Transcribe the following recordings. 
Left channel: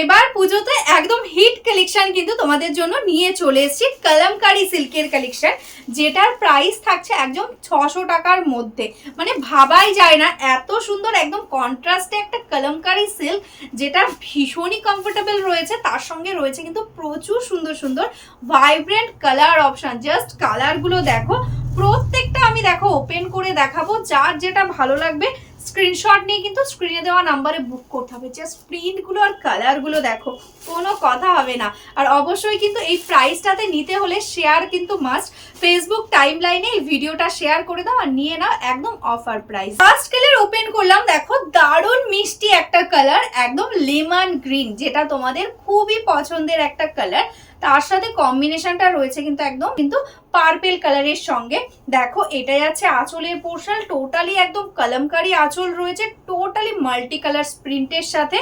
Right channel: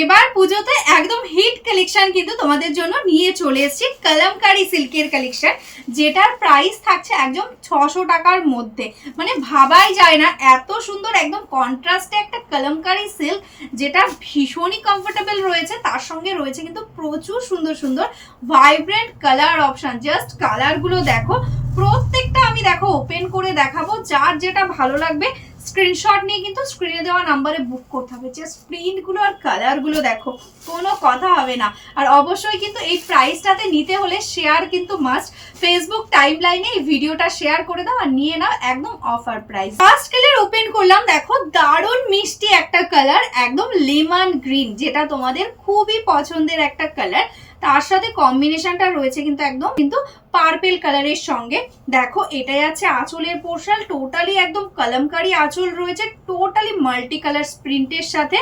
এবার পুজোতে একদম হিট কালেকশন কিন্তু তোমাদের জন্য নিয়ে চলে এসেছি, কলমকারি সিল্কের কালেকশন যেটার প্রাইস থাকছে একদম ছশো টাকার মধ্যে। মানে ভাবাই যায় না, এত সুন্দর, একদম কন্ট্রাস্টে একটা কলমকারি সিল্ক যেটা ভীষণই কমফোর্টেবল রয়েছে, তার সঙ্গে রয়েছে কিন্তু প্রচুর সুন্দর সুন্দর ভাইব্রেন্ট কালার অপশন জাস্ট কালারগুলো দেখো, প্রত্যেকটা আমি দেখো ওপেন করে দেখাবো, যার যেটা ভালো লাগবে স্ক্রিনশট নিয়ে কিন্তু স্ক্রিনে দেওয়া নাম্বারে বুক করতে হবে। জাস্ট প্রিন্টগুলো আর কালারগুলো দেখো, কোনো কথা হবে না। আর অবশ্যই কিন্তু এই প্রাইসটাতে নিতে হলে শেয়ার কিন্তু মাস্ট ফেসবুক টাইম লাইনে এই ভিডিওটা শেয়ার করে দাও আর নিয়ে নাও একদম offer price first colour open করলাম, দেখো দারুণ মিষ্টি একটা কালার একদম লেমন গ্রিন যেটা তোমাদের খুবই পছন্দের একটা কালার তার সাথে কম্বিনেশনটা রয়েছে কিন্তু একদম, কিন্তু পার্পেল কালারের সঙ্গে। দেখো, এটাই আছে আঁচলের পোর্শাল টোটালি একদম কলমকারি আঁচল রয়েছে টোটালি মাল্টি কালার প্রিন্টের সাথে।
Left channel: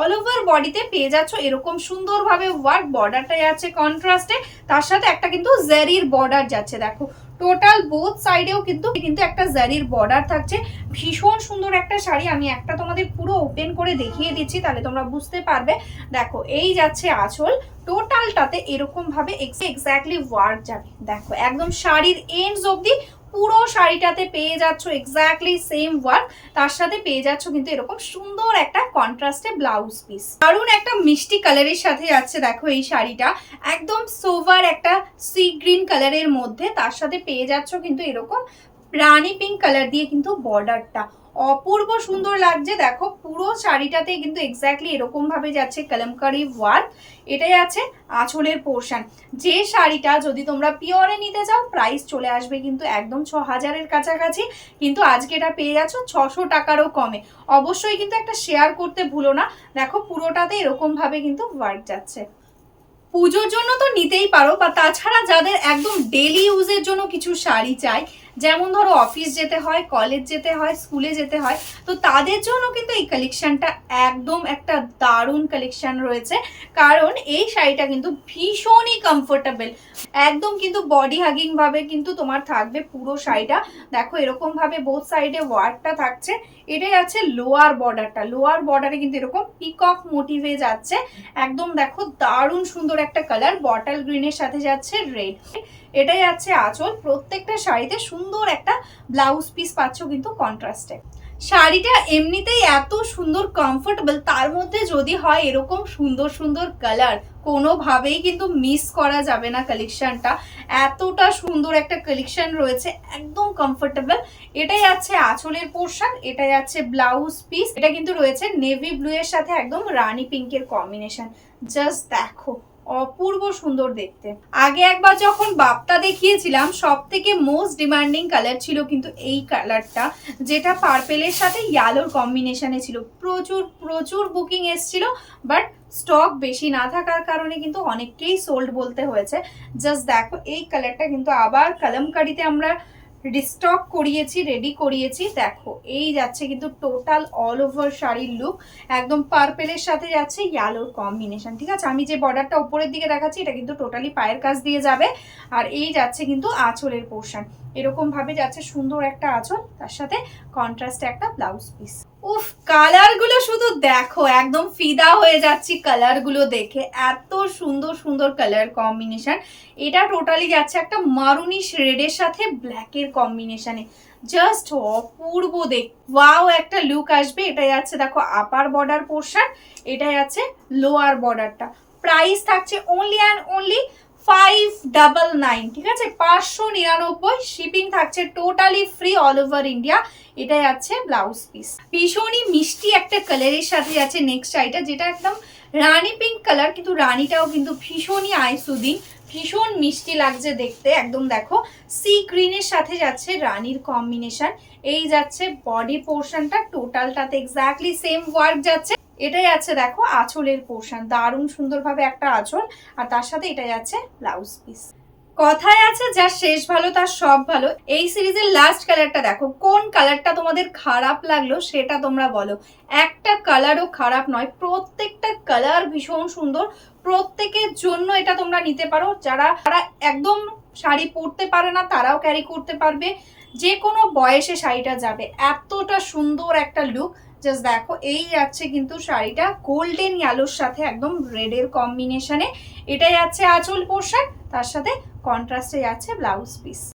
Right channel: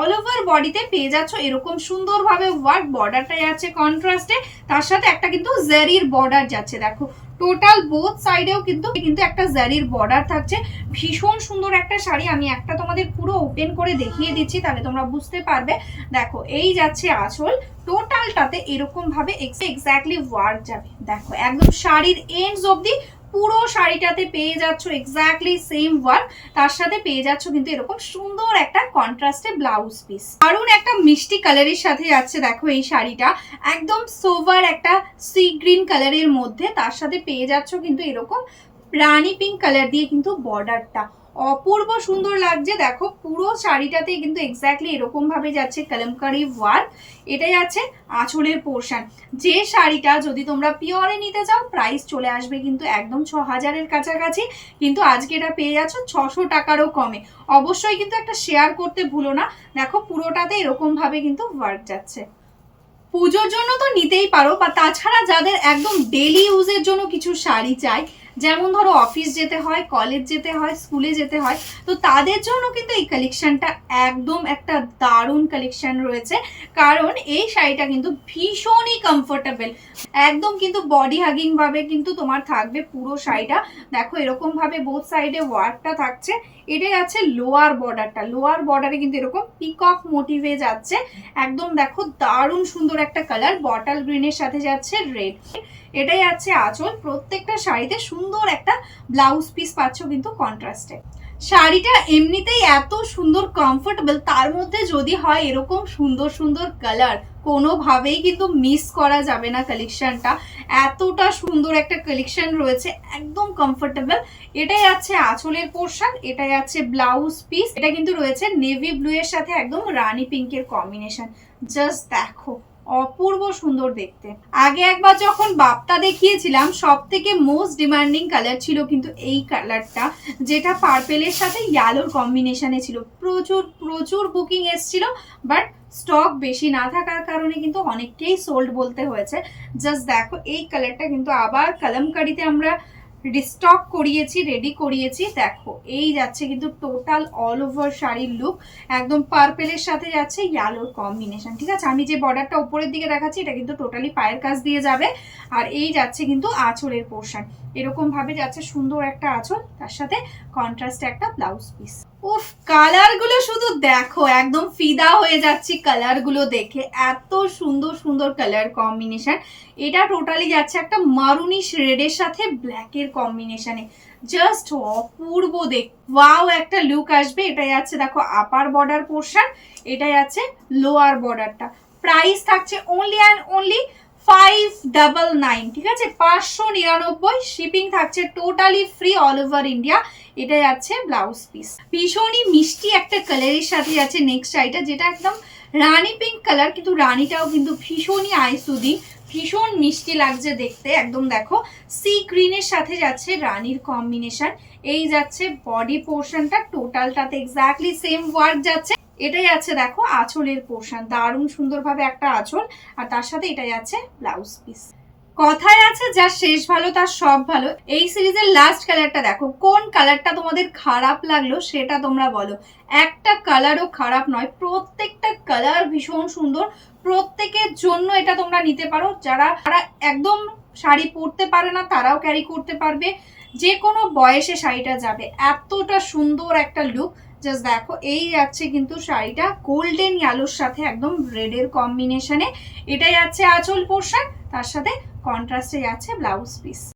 অল ওভার বডিতে পেয়ে যাচ্ছ, এরকম সুন্দরভাবে ওয়ার্ক বর্ডারটাই আছে কন্ট্রাস্টে তার সাথে একটা কিন্তু জেরির বর্ডার যাচ্ছে, দেখো। টোটাল বোথ সাইডেও কিন্তু কিন্তু একটা জারির বর্ডার থাকছে। ভীষণ সুন্দর একটা শাড়ি, আমি একটা তোমাদের পুরো ওপেন করে দেখিয়ে দিচ্ছি, তাহলে তোমরা বুঝতে পারবে। দেখো, এই যাচ্ছে আঁচল। টোটালটাতে এরকম ভাবে এক্স্যাক্টলি ওয়ার্ক যাবে। দেখো, একদম শাড়ির এন্ডস অবধি পুরো শাড়িটাতে পেয়ে যাচ্ছ এক্স্যাক্টলি সেম ওয়ার্ক তার সাথে পেয়ে যাচ্ছ কিন্তু এরকম সুন্দর একটা কন্ট্রাস্টে ব্লাউজ পিস দারুণ একটা মিষ্টি কালারের সাথে যাচ্ছে দেখো এই শাড়িটা, একদম সোভার একটা সি গ্রিন কালারের মধ্যে তার সাথে পেয়ে যাচ্ছ কিন্তু এরকম রানি পিঙ্ক কালার দিয়ে কিন্তু বর্ডারটা অপূর্ব সুন্দর লাগছে। দেখো, পুরো শাড়িটাতে কিন্তু এক্স্যাক্টলি এরকম ভাবে যাচ্ছে কলমকারি ওয়ার্ক এটাই আছে আঁচলের পোর্শন যে শাড়িটা যদি তোমরা পিওরে নিতে চাও প্রাইস চলে আসবে কিন্তু একদম ছ হাজারের কাছাকাছি। কিন্তু আজকে এটা পেয়ে যাচ্ছ ছশো টাকারও কমে। অবশ্যই কিন্তু একটা শেয়ার করতে ভুলো না। দেখো, পুরোটাতে এরকম ভাবে কিন্তু ওয়ার্ক যাচ্ছে। পুজোর জন্য তো নিতেই পারো বা তাছাড়া যাদের একদম ডেলি ইউজের জন্য কিছু শাড়ি চাই যেমন ধরো অফিস যেতে হয় কলেজ যেতে হয় স্কুলে যেতে হয়, তো তাদের জন্য কিন্তু এই কালেকশনটা একদম একটা দারুণ কালেকশন রয়েছে। কারণ এই শাড়িটা কিন্তু ভীষণই কমফোর্টেবল একদম কিন্তু বডি হাগিং ভাবে কিন্তু তোমার থাকবে পুরো শাড়িটা। দেখো এরকম ভাবে বোথ সাইডে ওয়ার্কটা থাকছে। এটাই আছে লোয়ার বর্ডারটা লোয়ার বর্ডারে কিন্তু এরকম পিকক মোটিভে যাচ্ছে। একদম দেখো দারুণ সুন্দর একটা কালার বটল গ্রিনের সাথে যাচ্ছে রেড এটাই আছে আঁচল। প্রত্যেকটা শাড়িতে সুন্দর একটা ব্লাউজ পিস পাচ্ছ কিন্তু কন্ট্রাস্টে শাড়িটা এমনিতেই এত সুন্দর কমফোর্টেবল তার মধ্যে যদি হয় এরকম সুন্দর সুন্দর কালার কোনোভাবেই কিন্তু মিস করা যাবে না কালেকশনটা এতটা সুন্দর একটা কালেকশন রয়েছে, একদম কমফোর্টেবল এটাই আছে আঁচলের পোর্শন এটাই আছে ব্লাউজ পিস এটা কিন্তু রয়েছে নেভি ব্লু এর সাথে একদম রানী পিঙ্কের কম্বিনেশন জাস্ট দেখো। অপূর্ব সুন্দর দেখতে। আগে একবার যখন বাপ্তা দেখিয়েছিলাম সব থেকে মোস্ট ডিমান্ডিং কালার ছিল কিন্তু এই কালারটা যেটা পার্পেলের সাথে ইয়ালোর কম্বিনেশনে ছিল। প্রচুর প্রচুর বুকিং এসছিল বাট স্টক বেশি না থাকার কারণে কিন্তু অনেককেই সোল্ড বলতে হয়েছে। জাস্ট দেখো, এই কালারটা কিন্তু আবার কলমকারিতে আমরা রিস্টক করিয়েছি রেডি করিয়েছি। দেখো, এই যাচ্ছে কিন্তু টোটাল অল ওভার শাড়ির লুক একদম পার্পেলের সাথে যাচ্ছে ইয়ালোর কম্বিনেশন ঠিক আছে? আমি যে বর্ডারটা উপরের দিকে দেখাচ্ছি, এটা কিন্তু টোটালি পায়ের কাজ দিয়ে যাবে। আর এই যাচ্ছে কিন্তু আঁচলের পোর্শন এরকমভাবে যাচ্ছে সুন্দর একটা আঁচল, তার সাথে কন্ট্রাস্টে একটা ব্লাউজ পিস উফ কালারগুলো শুধু দেখো, একদম ফিদা হয়ে যাচ্ছি কালারগুলো দেখে। এত সুন্দর সুন্দর কালার কম্বিনেশন এটা টোটালি যাচ্ছে একটা মারুনিশ রেডের সাথে ব্ল্যাকের কম্বিনেশনে জাস্ট অপূর্ব দেখ ওয়াও একটা লুক আসবে। এটা যাচ্ছে দেখো আপার বর্ডার পোর্শন এটা যাচ্ছে লোয়ার বর্ডারটা প্রাইস থাকছে অনলি অ্যান্ড অনলি পাঁচশো নিরানব্বই শিপিং থাকছে totally free all over India এটা যাচ্ছে ব্লাউজ পিস ভীষণই মিষ্টি একটা সাথে যাচ্ছে নেক্সট যেটা একদম রানী পিঙ্ক কালার কিন্তু রানীটাও কিন্তু ভীষণই ভীষণ মিষ্টি লাগছে দেখতে। একদম দেখো সি গ্রিনের সাথে যাচ্ছে রানীর কম্বিনেশন এই যাচ্ছে বডি পোর্শনটা টোটালটাতে এক্স্যাক্টলি সেম ওয়ার্ক যাচ্ছে। এটাই আছে দেখো আঁচলের পোর্শন দারুণ সুন্দরভাবে একটা আঁচল, আর তার সাথে এটাই আছে ব্লাউজ পিস কথায় আছে, যা শেষ ভালো, তার সব ভালো। এই সিরিজের লাস্ট কালারটা দেখো, কোন কালারটা তোমাদের খারাপ লাগল সেটা তোমরা বলো। একটা কালারও খারাপ নয়, প্রত্যেকটা কালার ভীষণ সুন্দর। প্রত্যেকের জন্য এটা তোমরা নিতে পারো। যারা যারা একদম শাড়ি পরতে পারে না, তারাও ক্যারি করতে পারবে। যে কোনো বয়সে শাড়িটা যাবে। এতটা সুন্দর একটা লুক জাস্ট দেখো, এই যাচ্ছে কিন্তু শাড়িটা গোল্ডেন ইয়ালোর সাথে একদম রেডের কম্বিনেশনে এটাই যাচ্ছে আঁচল পোর্শন তার সাথে কন্ট্রাস্টে যাচ্ছে ব্লাউজ পিস